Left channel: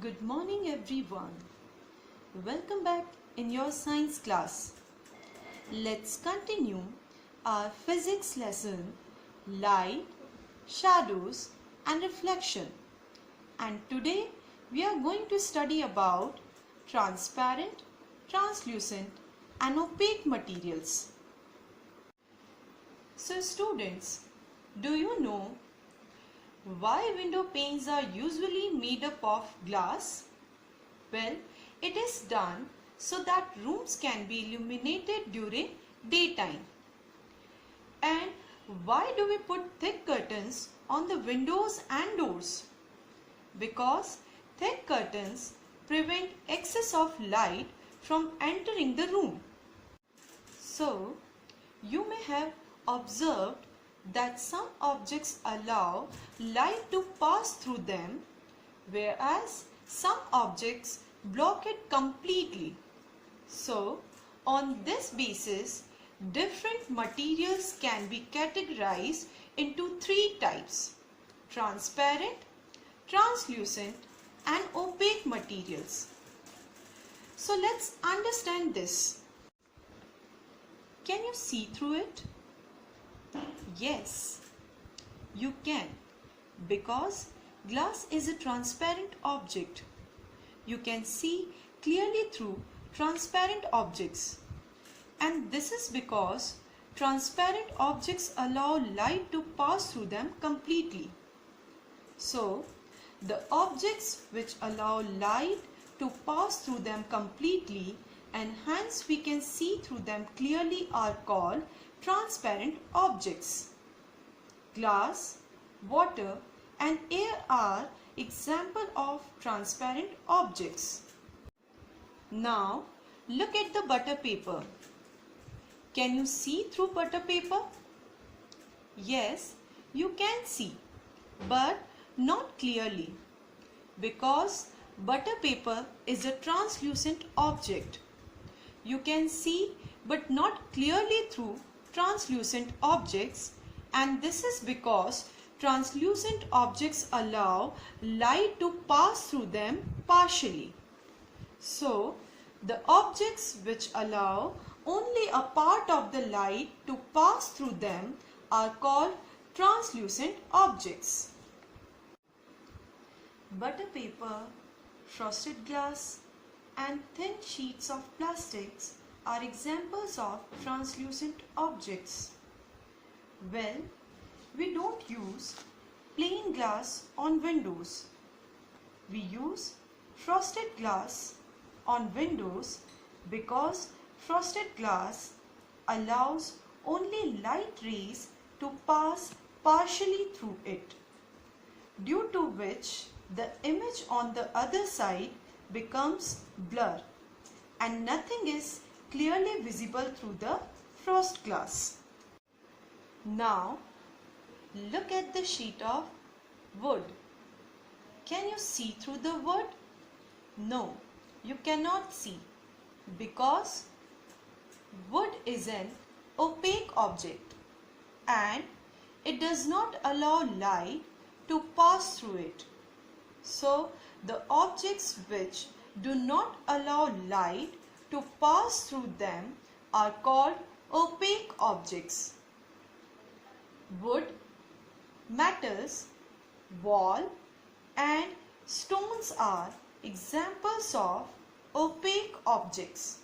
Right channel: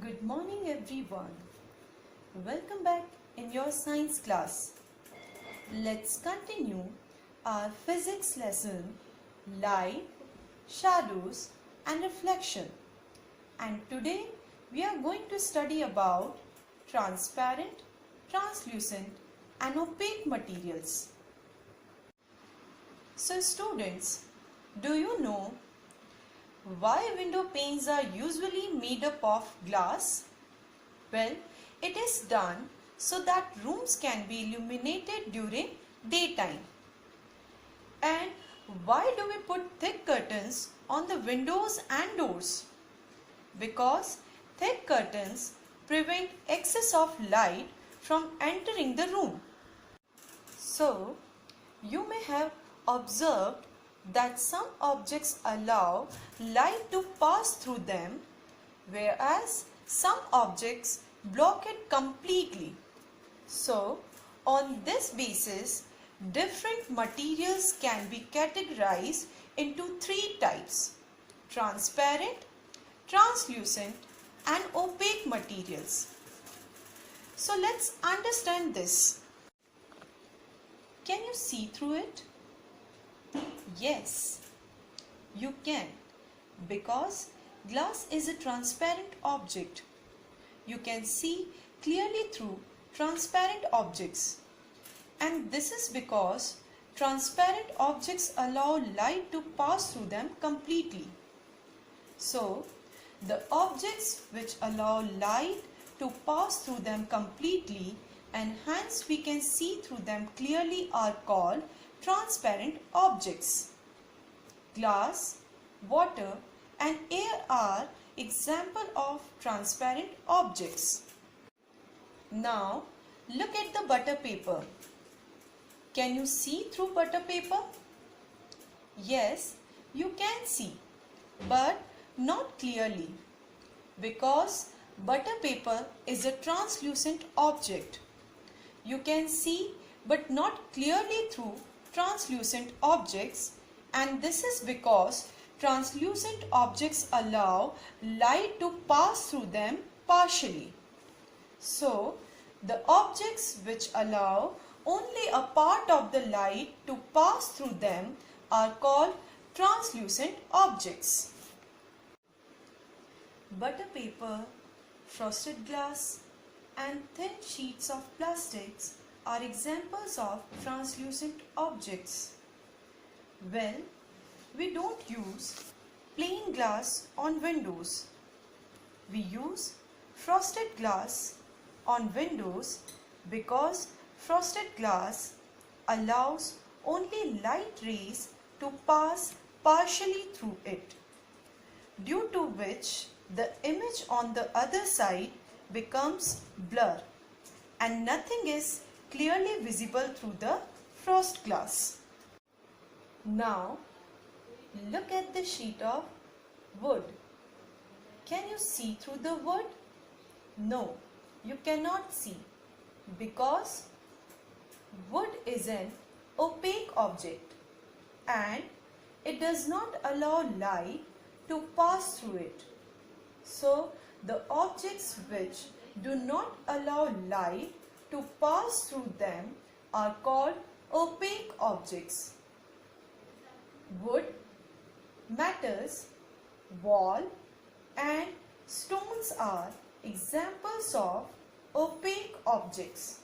Good morning everyone. Welcome back in your science class. Let's continue our physics lesson light, shadows and reflection. And today we are going to study about transparent, translucent and opaque materials. So students, do you know why window panes are usually made up of glass? Well, it is done so that rooms can be illuminated during daytime. And why do we put thick curtains on the windows and doors? Because thick curtains prevent excess of light from entering the room. So, you may have observed that some objects allow light to pass through them, whereas some objects block it completely. So, on this basis, different materials can be categorized into three types: transparent, translucent and opaque materials. So, let's understand this. Can you see through it? Yes, you can, because glass is a transparent object. You can see clearly through transparent objects, and this is because transparent objects allow light to pass through them completely. So, the objects which allow light to pass through them completely and hence we can see through them clearly are called transparent objects. Glass, water and air are examples of transparent objects. Now look at the butter paper. Can you see through butter paper? Yes, you can see, but not clearly, because butter paper is a translucent object. You can see but not clearly through translucent objects, and this is because translucent objects allow light to pass through them partially. So, the objects which allow only a part of the light to pass through them are called translucent objects. Butter paper, frosted glass and thin sheets of plastics are examples of translucent objects. Well, we don't use plain glass on windows. We use frosted glass on windows because frosted glass allows only light rays to pass partially through it, due to which the image on the other side becomes blur and nothing is clearly visible through the frost glass. Now look at the sheet of wood. Can you see through the wood? No, you cannot see, because wood is an opaque object and it does not allow light to pass through it. So the objects which do not allow light to pass through them are called opaque objects. Wood, metals, wall and stones are examples of opaque objects.